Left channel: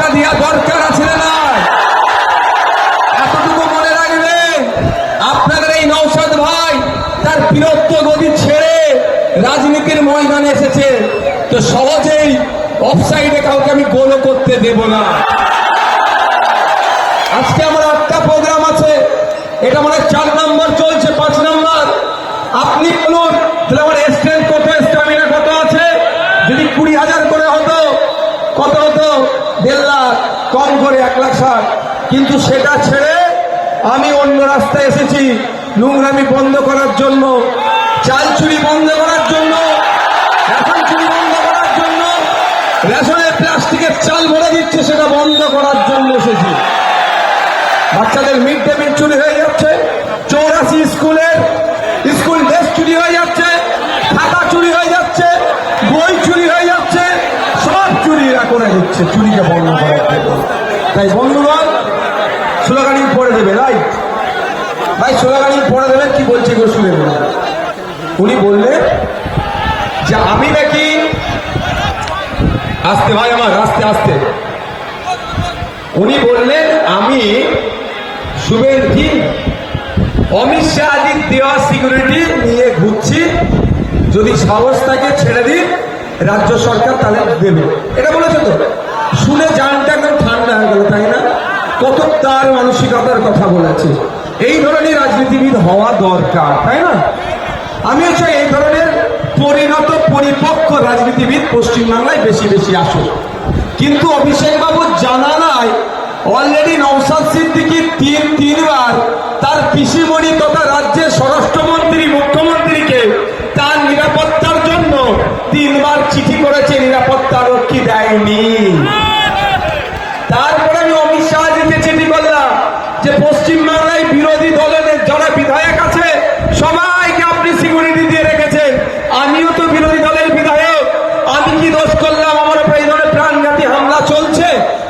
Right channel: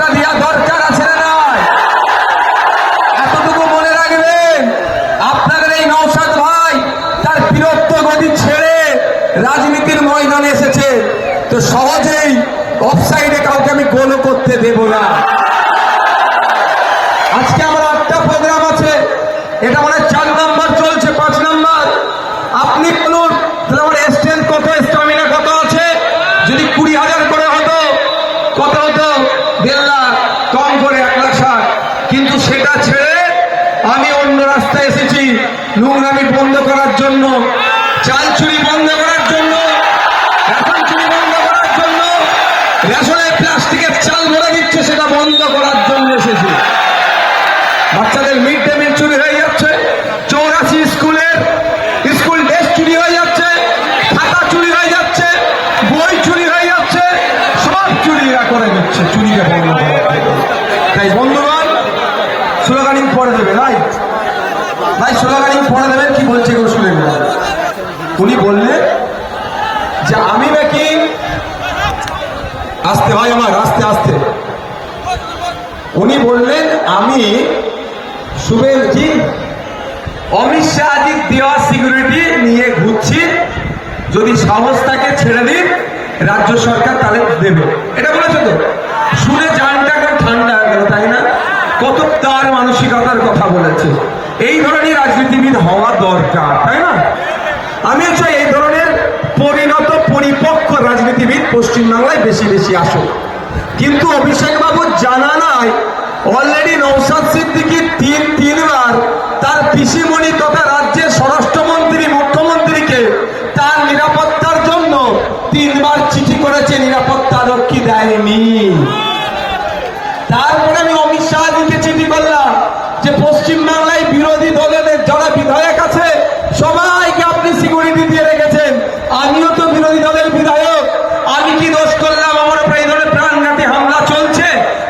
জবাবটা দেওয়া দরকার আছে না? এতটুকু মনে রাখবেন, আপনাদের এই নওশাদ ভাই তার বীরত্ব গদি ছেড়ে রাজনীতির ময়দানে এসেছে, তো সহজেই অফসাইডে কাউকে আমি গোল করতে দেব না। আজকে আমার একটা প্রোগ্রাম আছে, এটা মানে 4 নম্বর চলছে, 5 নম্বর। আপনি বলুন তাহলে আমার স্ট্রেংথ কত, স্টামিনা কত আছে? যদি 20,000 করে হতো কত হতো? 1.5 লাখ, কম করে 1,60,000। কিন্তু সেটা ছেড়ে আমি অন্য রাস্তায় এসেছি, নোংরামি বন্ধ করার জন্য, চাল চুরি বন্ধ করার জন্য, রেশন চুরি বন্ধ করার জন্য, রেশনে প্লাস্টিকের চাল ভরে দিচ্ছে সেটা বন্ধ করার জন্য এসেছি। বাচ্চাদের মিড ডে মিল চুরি হয়ে যাচ্ছে, 84 স্কুলের স্কুল ড্রেস চুরি হয়ে যাচ্ছে, খাতা চুরি হয়ে যাচ্ছে, বই চুরি হয়ে যাচ্ছে, সব চুরি করে দিচ্ছে, চুরিকে বন্ধ করার জন্য। তাই বন্ধুগণ, স্লোগানিং পড়ে দেবে নাই ভাই, স্লোগানিং পড়ে দেবে। কি বলছে কেউ শুনে? উনি বললেন যে আমি নাকি, আস্তে ভাই আমার, আস্তে আস্তে। উনি বললেন আমি শুভেন্দু অমিত শাহজির দেওয়া সিকিউরিটি নিয়ে ঘুরছি, যদি সাহস থাকে ছেড়ে দিন রাজ্য সরকার তাহলে দেবে। এটা বলেছে তো, শুনে জানটা কেন ঠান্ডা হয়ে গেল, তাই না? কত তার মানসিকতার কথা বলেছে। এই ধরনের রাজনীতিবিদ হওয়া দরকার, তাই না? আমি চাই এই ধরনের পরিণত পরিপক্ক রাজনীতিবিদ পশ্চিমবাংলায় বেশি বেশি আসুক। কিন্তু অভিষেক বাবু জানা নাই, অলরেডি নওশাদ সিদ্দিকী 3বার তার পিসিমণি তথা রাজ্যের স্বরাষ্ট্রমন্ত্রী মুখ্যমন্ত্রীকে তার নিরাপত্তার জন্য 3বার চিঠি করেছে, নিরাপত্তা রক্ষী দেয়নি। তারপরে আমি অমিত শাহজিকে চিঠি করলাম যে পশ্চিমবাংলায় বিরোধী দলের যারা বিধায়ক আছে সবাইকে আপনি সিকিউরিটি দিয়ে রেখেছেন, আমিও তো বিরোধী দলের বিধায়ক, আমি কি দোষ করলাম? আমার উপরে এই ধরনের প্রাণঘাতী হামলা চলছে,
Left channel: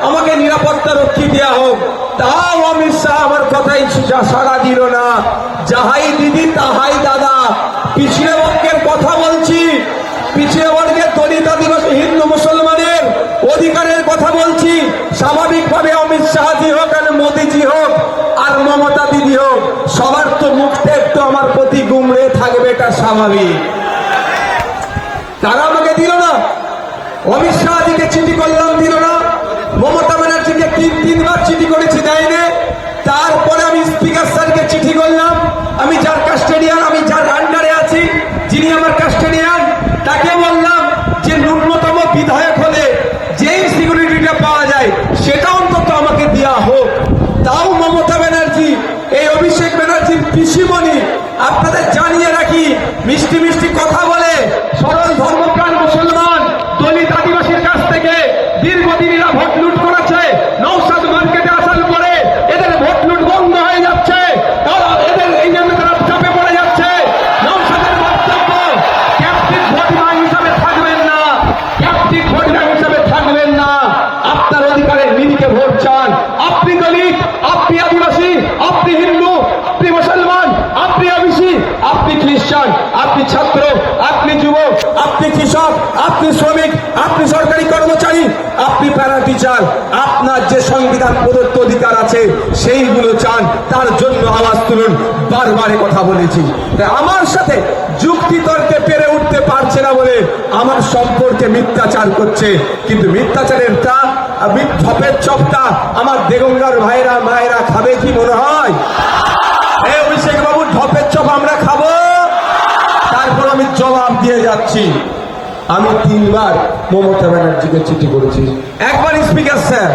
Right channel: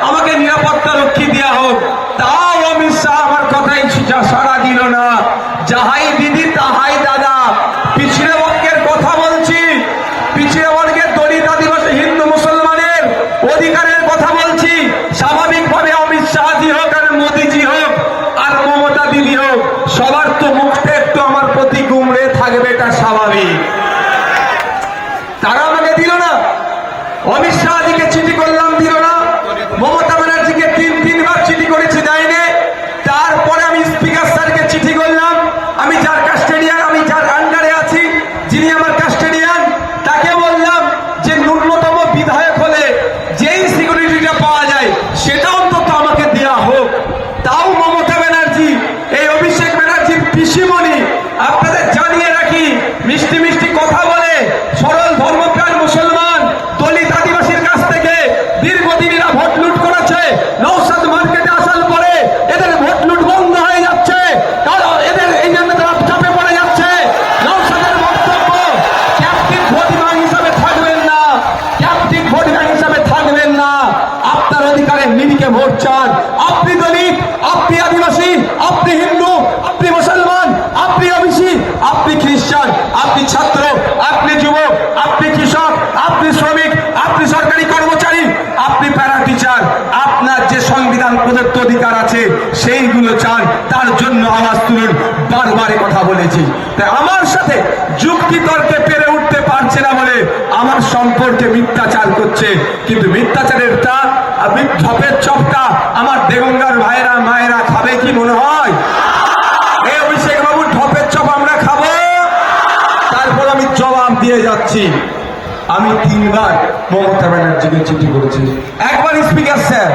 আমাকে নিরাপত্তা রক্ষী দেওয়া হোক। তাও অমিত শাহ আমার কথাই সাড়া দিল না। যাহাই দিদি তাহাই দাদা। পিছড়ে বর্গের কথা বলছি, পিছড়ে বর্গের দলিত আদিবাসী হিন্দু মুসলমানের অধিকারের কথা বলছি। স্বাভাবিকভাবে অমিত শাহজি হোক আর মোদীজি হোক আর মমতা দিদি হোক, সবার তো মুখটা একটু আমার প্রতি গুমড়ে থাকবে, এটা স্বাভাবিক। তারা আমাকে দিল না, অমিত শাহজিকে চিঠি করলাম, দিল না। মমতা ব্যানার্জিকে 3বার চিঠি করেছে, দেয়নি। তারপরে আমি স্পিকার স্যারকে চিঠি করলাম, আমি যার কাস্টেডিয়ান, আমি যার আন্ডারে আছি, যিনি আমার কাস্টেডিয়ান, তাকে বললাম যে ন্যূনতম বিধায়ক হলে যেই সিকিউরিটিটা পাওয়া যায় সেটা অন্তত আমাকে দেওয়া হোক। তাও মমতা ব্যানার্জি, এই অভিষেক ব্যানার্জির পিসিমণি, আপনাদের জানিয়ে রাখি, মিষ্টি মিষ্টি কথা বলে সরল ধর্মপ্রাণ মুসলমান দলিত আদিবাসীর কাছ থেকে দীর্ঘদিনেরা ভোট লুট করেছে। নওশাদ মার্কেটে আসার পরে এদের ভোট লুট বন্ধ হয়ে যাচ্ছে, কারণ এদের এই জন্য তারা চাপে পড়ে যাচ্ছে। নওশাদের বক্তব্য, ক্যাপ্টিভ ভোটম্যান হিসাবে থাকবেন না, ক্যাপ্টিভ ভোটম্যান হিসাবে থাকবেন না, আপনার অধিকারের নিরিখে ভোট চান। আপনি দলিত, আপনি আদিবাসী, আপনি হিন্দু, আপনি মুসলমান, আপনি ওবিসি, আপনি খ্রিস্টান, আপনি ছাত্র, আপনি যুবক, আপনি কৃষক, আপনি শ্রমিক, আপনি সরকারি কর্মচারী, আপনি প্যারা টিচার, আপনার যে সংবিধান প্রদত্ত অধিকার আছে সেইগুলো চান, তার জন্য আওয়াজ তুলুন। বারবার কথা বলেছি, তাই আমার সাথে যুক্তি তর্কে পেরে উঠতে পারছে না বলে আমার সম্পর্কে মিথ্যাচার করছে। কিন্তু মিথ্যাচারের তা ঢপের চপটা আমার দেগঙ্গার ভাইরা মায়েরা খাবে কি মনে হয়? এই অভিষেক বাবুর ঢপের চপ আমরা খাবো? তারপর আমি জবাব দিয়ে যাচ্ছি। আমি 3বার মমতা ব্যানার্জিকে চিঠি করেছি, একবার স্পিকার স্যার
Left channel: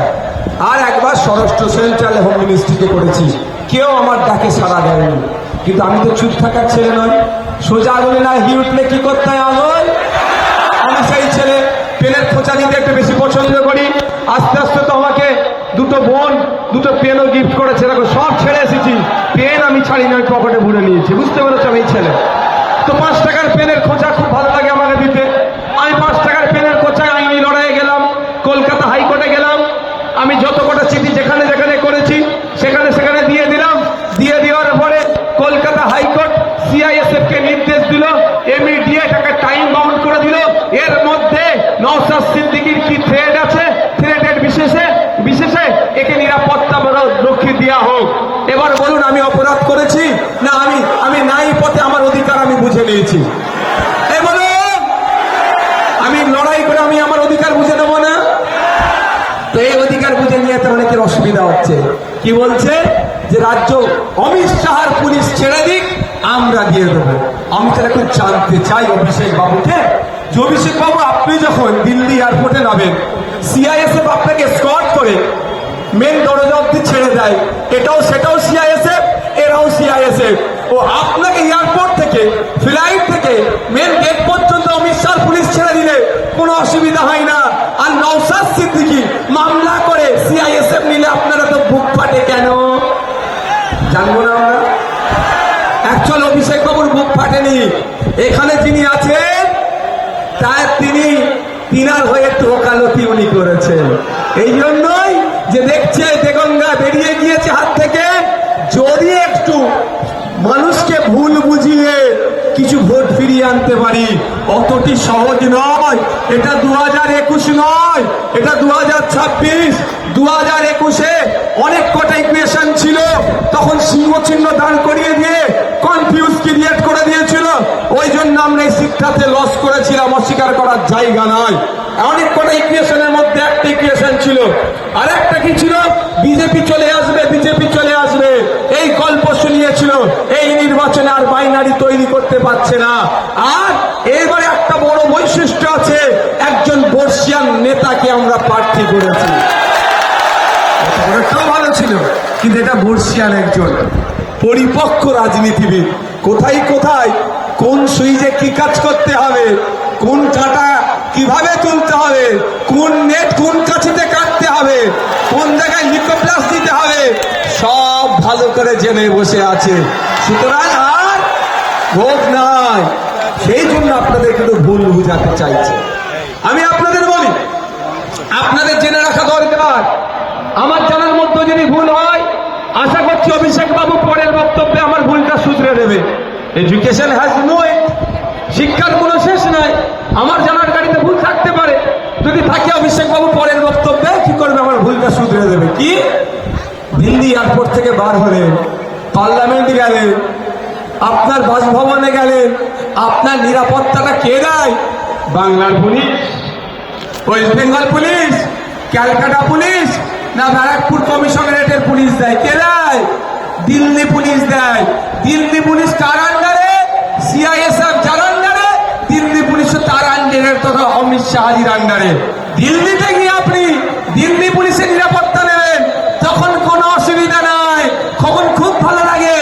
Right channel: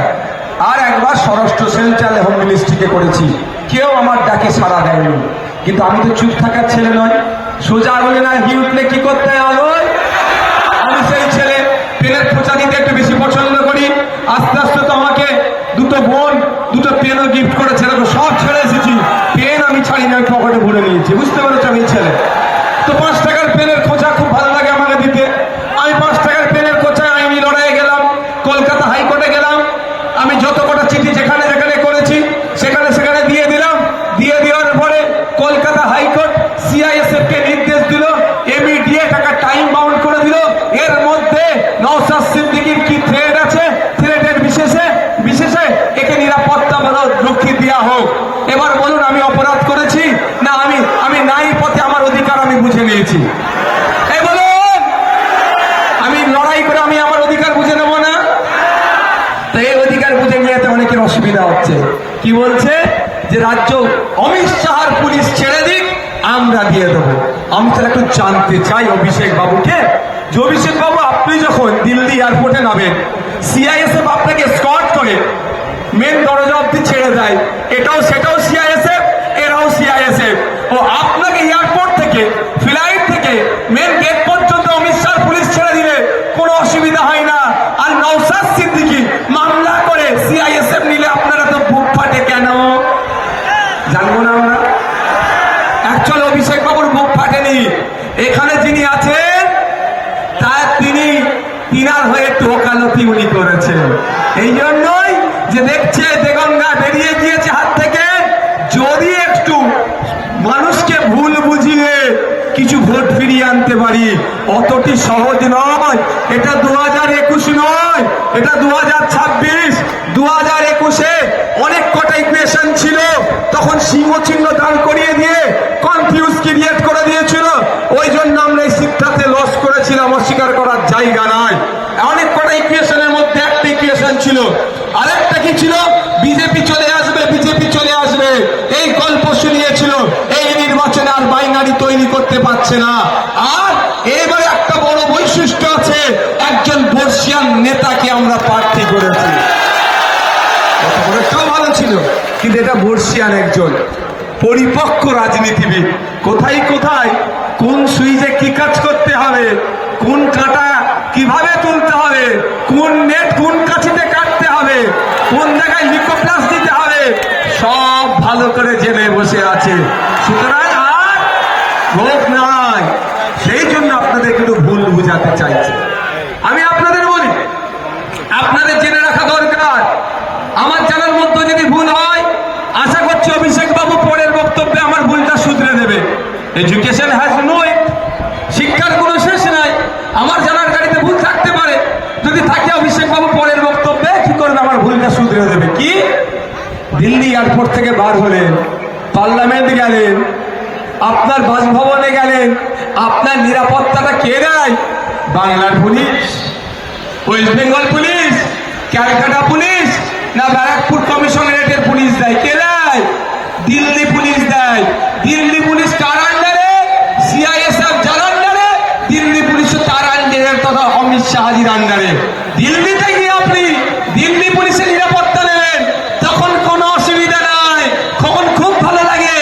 আর একবার স্বরাষ্ট্র সেন্ট্রাল হোম মিনিস্ট্রিকে করেছি, কেউ আমার ডাকে সাড়া দেয়নি। কিন্তু আমি তো চুপ থাকার ছেলে নয়, সোজা আগুনে না ঘি উঠলে কি করতে হয়? আমি সেই ছেলে, পেনের খোঁচা দিতে একটু বেশি পছন্দ করি। আস্তে আস্তে তো আমাকে 2টো বোন 2টো পেনও গিফট করেছে, সব ছেড়ে এসেছি। পেন আমি ছাড়ি না, পকেটে ভরে নিয়েছি, বুঝতে পেরেছি আমি ছেলে। তো 5 টাকার পেনের খোঁচা খুব ভালো লাগে আমাকে দিতে। আমি 5 টাকার পেনের খোঁচায় আমি লড়াই গেলাম, কলকাতা হাইকোর্টে গেলাম। আমি যত কটা চিঠি যেখানে যেখানে করেছি সেখানে সেখানে দিয়ে দিলাম। দিয়ে দেওয়ার পরে কলকাতা হাইকোর্ট CISF কে নির্দেশ দিল, ইমিডিয়েট একটা টাইম বাউন্ড করে দিল। এর মধ্যে নওশাদ সিদ্দিকীর কি থ্রেড আছে, থ্রেডের বিশেষে কি বলছে যে রাজ্য অমিত শাহর পুলিশ ছেড়ে দিক, আমরা দিয়ে দেবো। আমি তো একটু জানতে চাই অভিষেক বাবুকে, যে অভিষেক বাবু আপনি যখন দিল্লি এয়ারপোর্টে নামেন, সিআইএসএফ আপনাকে স্কট করে মেন দরজা অব্দি ছেড়ে দেয়, সেটাও সিআইএসএফ, এরাও সিআইএসএফ। ও আপনাকে এয়ারপোর্ট থেকে ফ্লাইট থেকে মেন গেট পর্যন্ত অমিত শাহ পুলিশ ছেড়ে দিলে কোনো অসুবিধা হয় না। আর নওশাদ সিদ্দিকী মামলা করে সিআইএসএফ নিলে আপনারা তো বুক ফাটে কেন? জানবো না। অ্যাকচুয়াল অভিষেক বাবুর বুক ফাটেনি, এখানে যিনি আছেন তিনার হয়ে ওকালতি উনি করেছেন। এই জন্যই যে দেখছে দেগঙ্গা বেরিয়ে গিয়েছে হাত থেকে, যদি একটু মানুষকে ভুল বুঝিয়ে কিছু ভোট ফিরিয়ে আনতে পারি, অতটি সহজ নয়। এটা 2021 নয়, এটা 2026। 2021-এ অনেক কটা ইকুয়েশন ছিল, তখন সিংহ চিহ্ন দান করিয়ে দিয়ে কনফিউজ ক্রিয়েট করে দিয়েছিল। ওই জন্য আমরা এই সিটটাতে লস করেছিলাম, অস্বীকার করার জায়গা নয়। অনেক কটা ইকুয়েশনের মধ্যে একটা ইকুয়েশন ছিল, আরেকটা কি ছিল? বিজেপি চলে আসবে, বিজেপি চলে আসবে, এই গল্প শুনিয়েছিল। এই নির্বাচনে আর বাইনারি তৈরি করতে পারছে না। আর এবারে একটা বড় বৈশিষ্ট্য আছে, একজন বর্ষিয়ান নেতাকে আমরা প্রার্থী করেছি। কেউ ভালো ছিল, কিন্তু এটা বর্ষিয়ান একজন পরিপক্ক রাজনীতিবিদ। কোথায় কোথায় কোন সুইচে কি কাজ করতে হবে, কোন কাটা কিভাবে তুলতে হবে, কোন নেট কোন কাছিতে কাটতে হবে, কোন জায়গায় নিকোপ্লাস দিতে হবে, সব ভালো করে জেনে বসে আছে। সুতরাং আর ভোট নয়, সেই জন্য আপনাদের একটু ভুল বুঝাতে চাইছে। আমি আপনাদের বলি, আপনাদের জেনে রাখা দরকার। আমার জানার মধ্যে যদি ভুল হয়, আশা করছি অভিষেক বাবু পরের বক্তব্যে আমার ভুলটা শুধরে দেবে। এডুকেশন হ্যাজ নো এন্ড, শিক্ষার কোনো শেষ নাই। আমার জানার গাড়িতে ভুল থাকতে পারে, যদি থাকে অভিষেক বাবু পরের বক্তব্যে কি করবে, আমার ভুলটা শুধরে দেবে। কি দিল্লি এয়ারপোর্ট থেকে বার হলেন, পার্লামেন্ট গেলেন, আপনার বাসভবনে গেলেন, আপনার নিরাপত্তাটা কে দেয়? বাংলার police, West Bengal police, Calcutta police, না ব্যারাকপুর কমিশনারেটের পুলিশ দেয়? কে দেয়? দিল্লি পুলিশ দেয়। দিল্লি পুলিশ কার আন্ডারে? সিআইএসএফ যার আন্ডারে, দিল্লি পুলিশ তার আন্ডারে, তথা অমিত শাহজির আন্ডারে। দিল্লিতে গিয়ে আপনি দিল্লি পুলিশের নিরাপত্তা নেবেন, তখন কোনো অসুবিধা নাই, তখন খুব ভালো লাগে।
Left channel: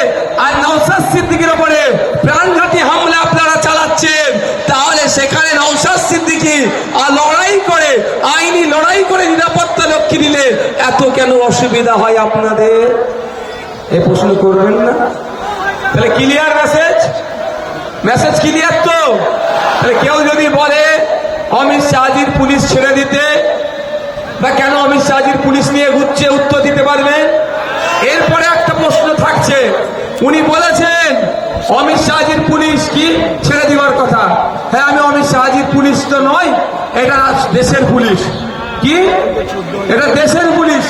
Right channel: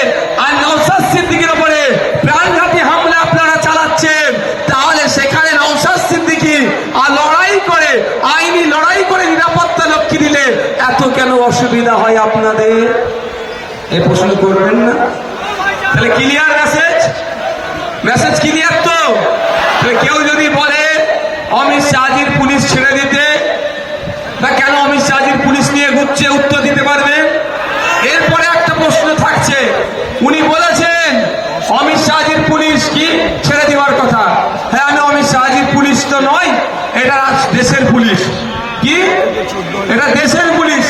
আর নওশাদ সিদ্দিকীর উপরে প্রাণঘাতী হামলা আপনারা চালাচ্ছেন, তাহলে সেখানে নওশাদ সিদ্দিকী আর লড়াই করে, আইনি লড়াই করে নিরাপত্তা রক্ষী দিলে এত কেন অসুবিধা হয় আপনাদের? এ প্রশ্ন করবেন না? তাহলে ক্লিয়ার মেসেজ? মেসেজ ক্লিয়ার তো? কেউ যদি বলে অমিত শাহজির পুলিশ ছেড়ে দিতে, বা কেন অমিত শাহজির পুলিশ নিয়ে ঘুরছে, উত্তর দিতে পারবেন? এরপরে একটা প্রশ্ন থাকছে, উনি বলেছেন অমিত শাহজির পুলিশ কি ছেড়ে দেওয়ার কথা। হ্যাঁ, আমি অমিত শাহজির পুলিশ তো নয়, এটা দেশের পুলিশ। কি? এটা দেশের পুলিশ,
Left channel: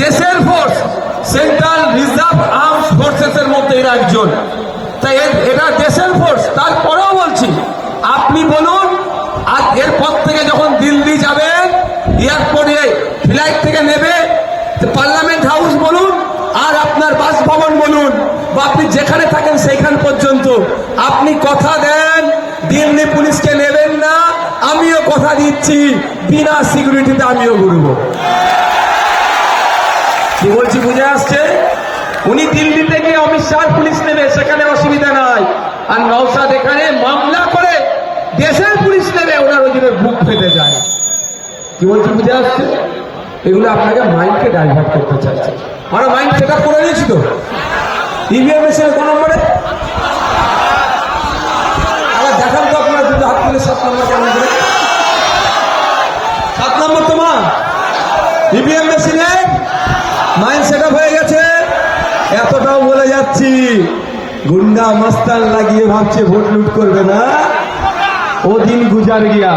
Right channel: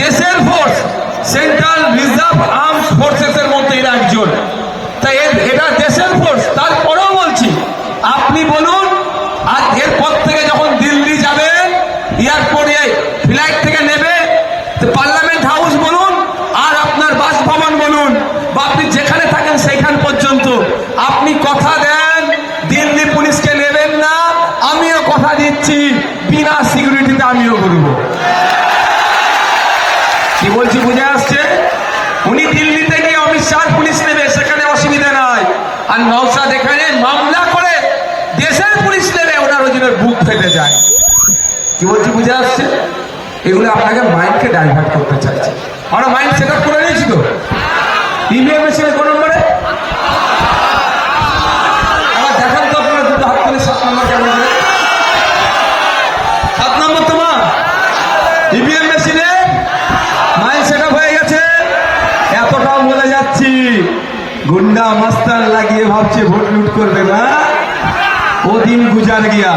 দেশের force, central reserve arms forces এর মধ্যে এরা একজন। তাই এটা দেশের ফোর্স। তারপরেও বলছি, আপনি বলুন, আর এরপর থেকে যখন দিল্লি যাবেন, এয়ারপোর্টে ফ্লাইট থেকে নেবে, পার্লামেন্ট হাউস বলুন আর আপনার বাসভবন বলুন, বা আপনি যেখানে থাকেন সেইখান পর্যন্ত আপনি কথা দেন দিল্লি পুলিশকে নেবেন না। আমিও কথা দিচ্ছি, বিনা সিকিউরিটিতে আমিও ঘুরব। কি বলছি বুঝে আসছে? উনি দিল্লিতে গিয়ে অমিত শাহ পুলিশ নেবে, সেখানে অসুবিধা নাই। আর নওশাদ এখানে মামলা করে দেশের পুলিশ নেবে, ওনার ওই জন্য বুক ফেটে যায়। কি বলছি বুঝে আসছে? এগুলো আপনাকে মাইন্ডকে ডাইভার্ট করতে চাইছে। আমরা মাইন্ড সেট আপ করে নিয়েছি তো। ইভিএম মেশিনে কোন নম্বরে দেখান তো আপনারা, দুটো হাত তুলে 7 নম্বর কেমন করে? 7 নম্বর তোমার ইভিএম মেশিনে মাইন্ড সেট আপ হয়ে গেছে। এতটাও বলে যাচ্ছি, গুন্ডা মাস্টার লাগিয়ে ভাবছে ভোট লুট করবে না। ও দিন গুজার গিয়া,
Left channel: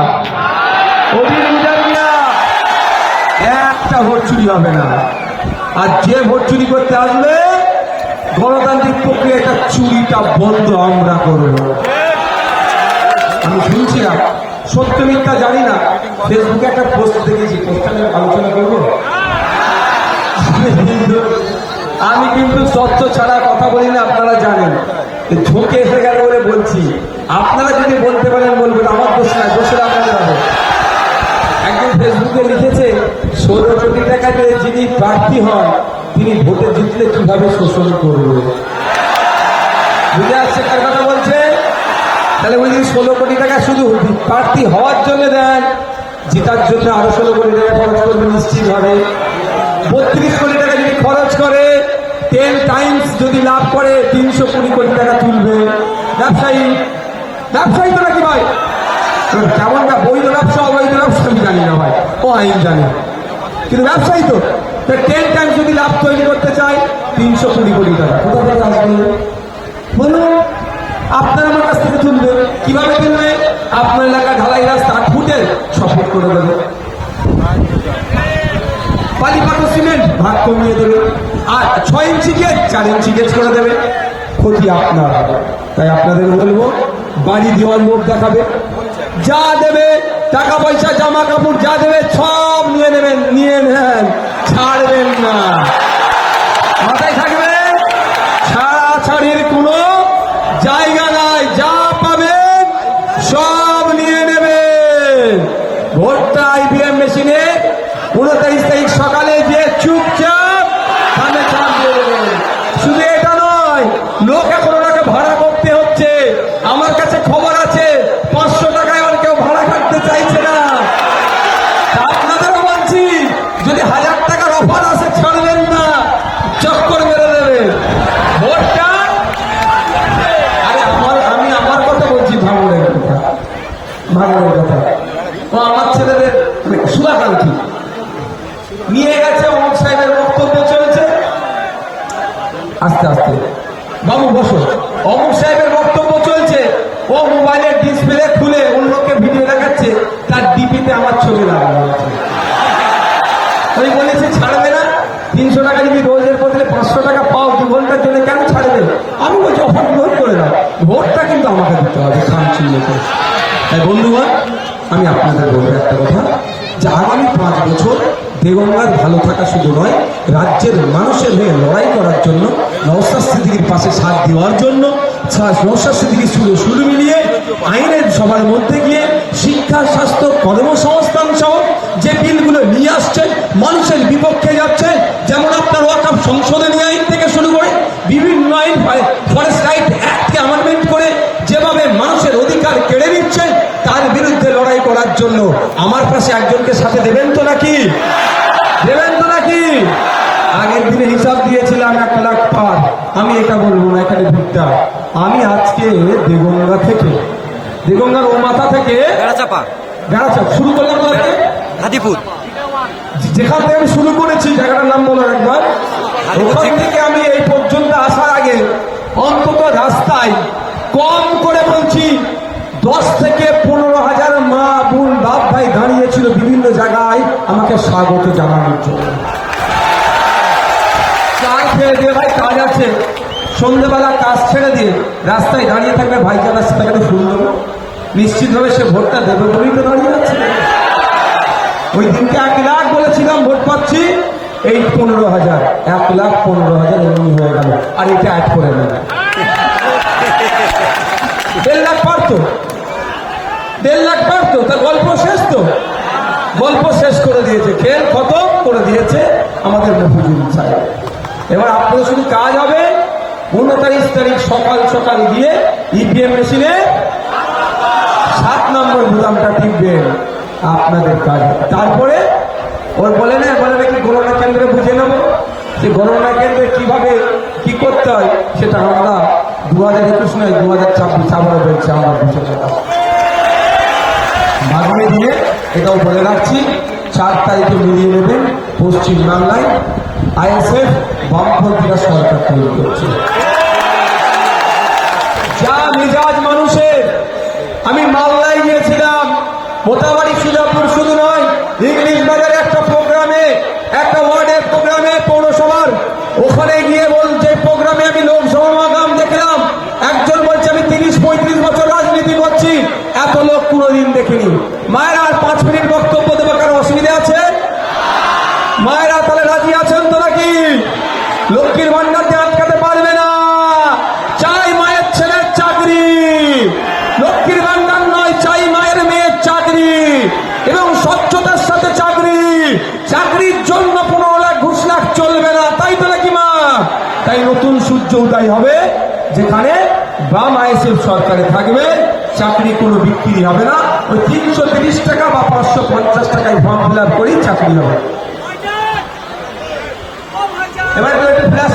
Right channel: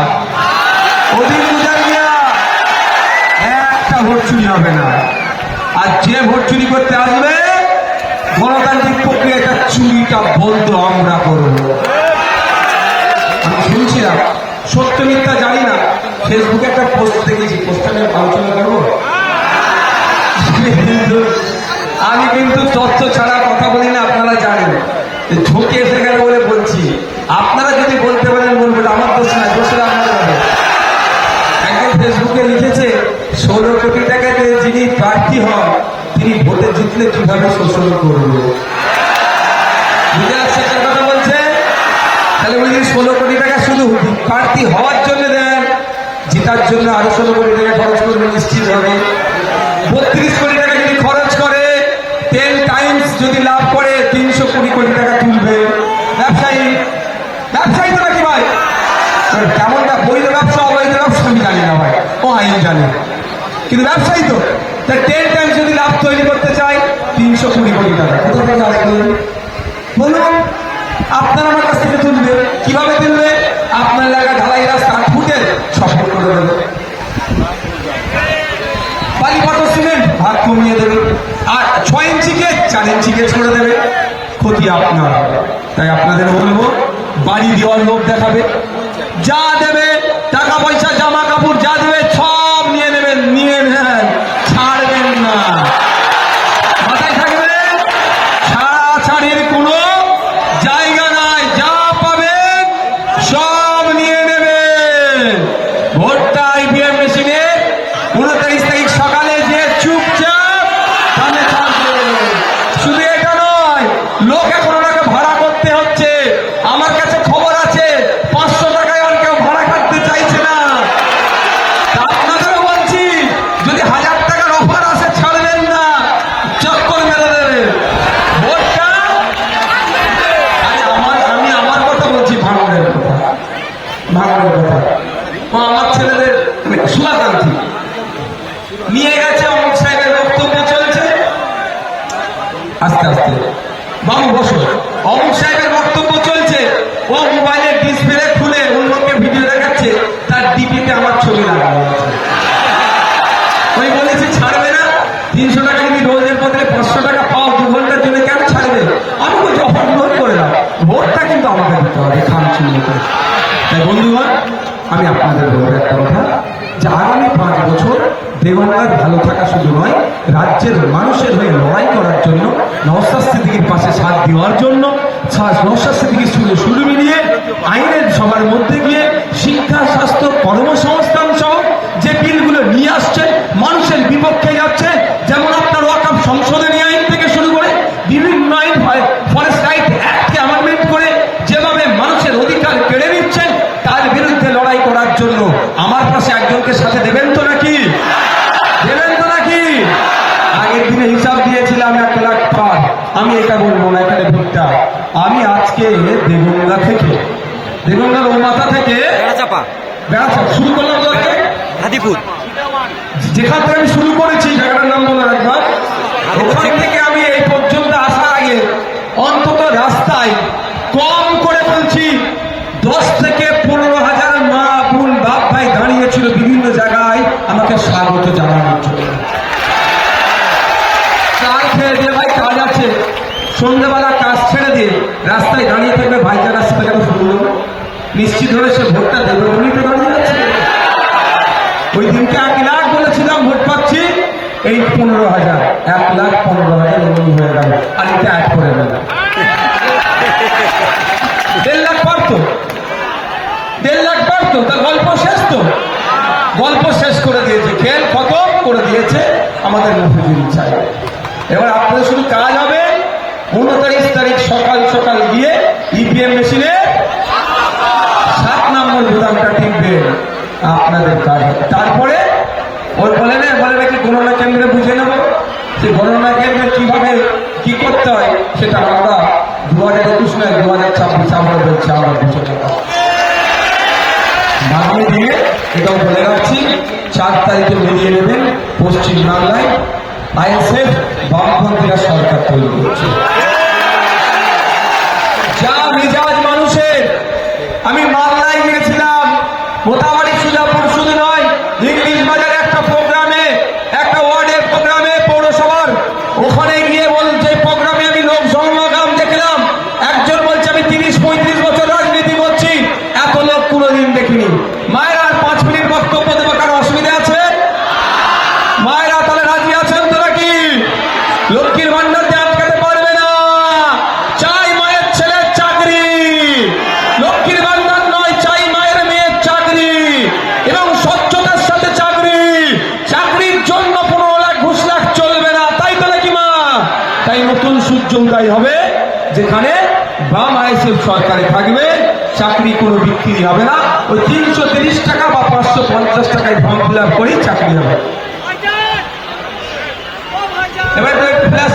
ও দিন গুজার গিয়া। একটা ভোট চুরি হবে না। আর যে ভোট চুরি করতে আসবে, গণতান্ত্রিক প্রক্রিয়া চুরিটা বন্ধ আমরা করবো। আমি শুনছি না, সত্য মিথ্যা জানি না, ফেসবুকে একটা পোস্ট দেখেছি, পোস্টটা আলোচনা করবো। কিন্তু তথ্য ছাড়া কথা বলি না, আপনারা জানেন। ঝুঁকে এসে গেল বলে বলছি, আপনারা যদি বলতে পারেন বলবেন, আমার দোষ না, দোষের আপনারা জানেন। একজন ফেসবুকে লিখেছে 16 কোটি টাকাতে যিনি প্রার্থী হন তিনি ভোটে জিতলে কিভাবে শোষণ করবে। বুঝে আসছে কথা বলছে? তাহলে বলি 16 কোটি টাকা শুধু প্রার্থী হওয়ার জন্য দেন, জেতার জন্য আরো 16 কোটি টাকা খরচ করবে নিশ্চিত হবে। 32 কোটি টাকা যদি খরচ করে 10 টাইমস যদি লাভ করে 300 কোটি টাকা তুলবে। ব্যবসায়ী ব্যবসায়ী তো নাকি ভাই? কেমন না বৈধ ব্যবসা অবৈধ ব্যবসা আমি জানি না ভাই, ও আইন জানি না, কিন্তু ব্যবসায়ী তো 10 টাইমস যদি লাভ তৈরি করতে চাই 300 কোটি টাকা কোথা থেকে আসবে বলুন? আপনার আমার কাছ থেকে তুলবে, কিভাবে তুলবে? আপনার এলাকায় ঢালাই রাস্তা ফুটে সফল করে দেবে, বালি পাথর সিমেন্ট ভাগ কমিয়ে দেবে, আর 6 ইঞ্চি গেজ 4 ইঞ্চি গেজ করে দেবে। ক্ষতি আপনার। তাই আপনাদের বলবো, বাড়ি দেওয়ার লোক দেখাবে, যা দেবে টাকা পয়সা জামা কাপড় যা দেবে সব নিয়ে নেবেন, নিয়ে নেন, ছাড়বেন না। মাথায় থাকবে, ছাড়াছাড়ির কোনো জায়গা নাই, যা পাবেন সব নিয়ে নেবেন। ভোটটা IVM মেশিনে 29 তারিখ সকালে যে চুপচাপ শুধু এটা নয়, লোক এখন ওনাকে ভাড়া করতে হচ্ছে। আমার কাছে খবর আছে 500 টাকায় ওনাকে ভাড়া কাটতে চাইছে না। আপনাদেরও বলছি, যদি 1000 টাকার অফার আসে ছাড়বেন না, চক্কর মেরে দেবেন। ভোটটা আমি আমার কথা বলছি, ভাঙনের কথা, ভাঙনের কথা। ও আমার ছেলেদের শুভাকাঙ্ক্ষী নিয়ে গেছে, অমুক সাহেবের বক্তব্য চলছে, আস্তে আস্তে বাবু বসো, অমুক সাহেবের বক্তব্য চলছে, ও মোবাইলের ডিসপ্লে খুলে অন্যকে ভিডিও দেখাচ্ছে, তার ডিপিতে আমার ছবি লাগানো আছে। ওই বলেছে ছাড়বে না, 300 টাকা যদি রোজের বদলে 500 টাকা পাও 2 ঘন্টার জন্য, কেন ছাড়বে? আমি বলছি অফার লোড করে দাও, ভোটটা কিন্তু আমাকে দিতে হবে। তাই বন্ধুগণ, আমি আপনাদের বলবো একটা কথা, যে আগামী 5 বছর দেওয়ানগাঁর ভালো থাকা শুধু নয়, রাজ্যের মানুষের হয়ে লড়াই করার জন্য, নওশাদ সিদ্দিকীর পাশে সাথ দেওয়ার জন্য, নওশাদ সিদ্দিকীর সঙ্গে সুর মিলিয়ে আইনের সবার মধ্যে গিয়ে শিক্ষা, স্বাস্থ্য, কর্মসংস্থান সহ যে বিলগুলো নিয়ে আসছে মানুষের বিপক্ষে যাচ্ছে, যেমন আপনার ওয়াকফ সংশোধনী আইন থেকে শুরু করে বিভিন্ন আইন, ফরেস্ট রাইট অ্যাক্টকে অ্যামেন্ডমেন্ট করে যেভাবে মানুষের অধিকার কেড়ে নিচ্ছেন, তার বিরুদ্ধে লড়াই করার জন্য আমার পাশে একজনকে সাথে দেবেন তো নাকি? দেবেন তো নাকি? আগের দিনে হিসাব দিয়েছিলাম 1 লাখ পার। আমি এটা বলবো না, এখানে ভোটটা আমি আজকে দেগঙ্গা থেকে, দেগঙ্গার ও মাথা থেকে বেড়াচাপা শুরু করলাম, হাতিপুর, যেখান থেকে আমি শুরু করেছি জায়গাটার নাম বলার একবার, ওখান থেকে আমি এই পর্যন্ত আসার আগে অন্তত রাস্তায় কম করে বলছি 10 থেকে 15,000 মা বোন বাপ ভাই দাঁড়িয়েছিল বিভিন্ন জায়গায় আমাকে স্বাগত জানানোর জন্য। কাজ আছে, সন্ধ্যাবেলা কাজ ছেড়ে দিয়ে রাস্তায় দাঁড়িয়ে থাকবে, ভাইজান রাস্তা থেকে শুনবো, নিশ্চিত ভাবে সে ভোটটা দেবে বলেই তো দাঁড়িয়ে যাচ্ছে। ওই দিনকে 1 লাখ বলেছিলাম ভোট পাচ্ছি, এই 15,000, 1,15,000 এমনি হয়ে গেল, আর এটা অ্যাড করে গেল 1.5 লাখ পারতো, 1.5 লাখ পারতো, তার গল্প শেষ তো, গল্প শেষ করে দিয়েছে, খেল খতম করে দিয়েছে আমাদের মফিজুল সাহেব। এবার আপনাদের শুধু কাজ হবে 29 তারিখ সকাল সকাল গিয়ে IVM মেশিনে 7 নম্বর বোতামটা টিপবেন, আপনাদের কাজ। তারপরে ওর বলে নাকি গণনা কেন্দ্রে বুঝে নেবো, যে গণনা কেন্দ্রে কিভাবে কি করতে হয় সেটা আমরা 2021 নয় 2026 আমরা বলছি, আমরা বুঝে নেব। আগামী দিনে এটাও বলে রাখছি, 4 তারিখে মিলিয়ে নেবেন পশ্চিমবাংলায় ISF বামপন্থীরা সরকার তৈরি করছে। যা মেজাজ মানুষের, আমি মামলায় গিয়েছিলাম, মোটামুটি সুজাপুর শুধু নয়, ইংলিশ বাজারে একটা প্রোগ্রামে, একটা ওয়ার্ডের প্রোগ্রামে পৌরসভার, ওখানে গিয়ে বলছে প্রোগ্রামে আমি লোক সমাগম দেখলাম, একজন বলছে আমি 30-35 বছর রাজনীতি করছি, এত লোক কোনোদিন দেখিনি। মায়েরা 5 মিনিট বক্তব্য দেবে, কারো অসুবিধা আছে? মায়েরা তাহলে রাজি আছেন তো নাকি? লক্ষ্মীর ভান্ডার ওই 330 টাকা বা 550 টাকায় ফর্ম ফিল আপ করেই চাকরি হবে। এবার ফ্ল্যাশ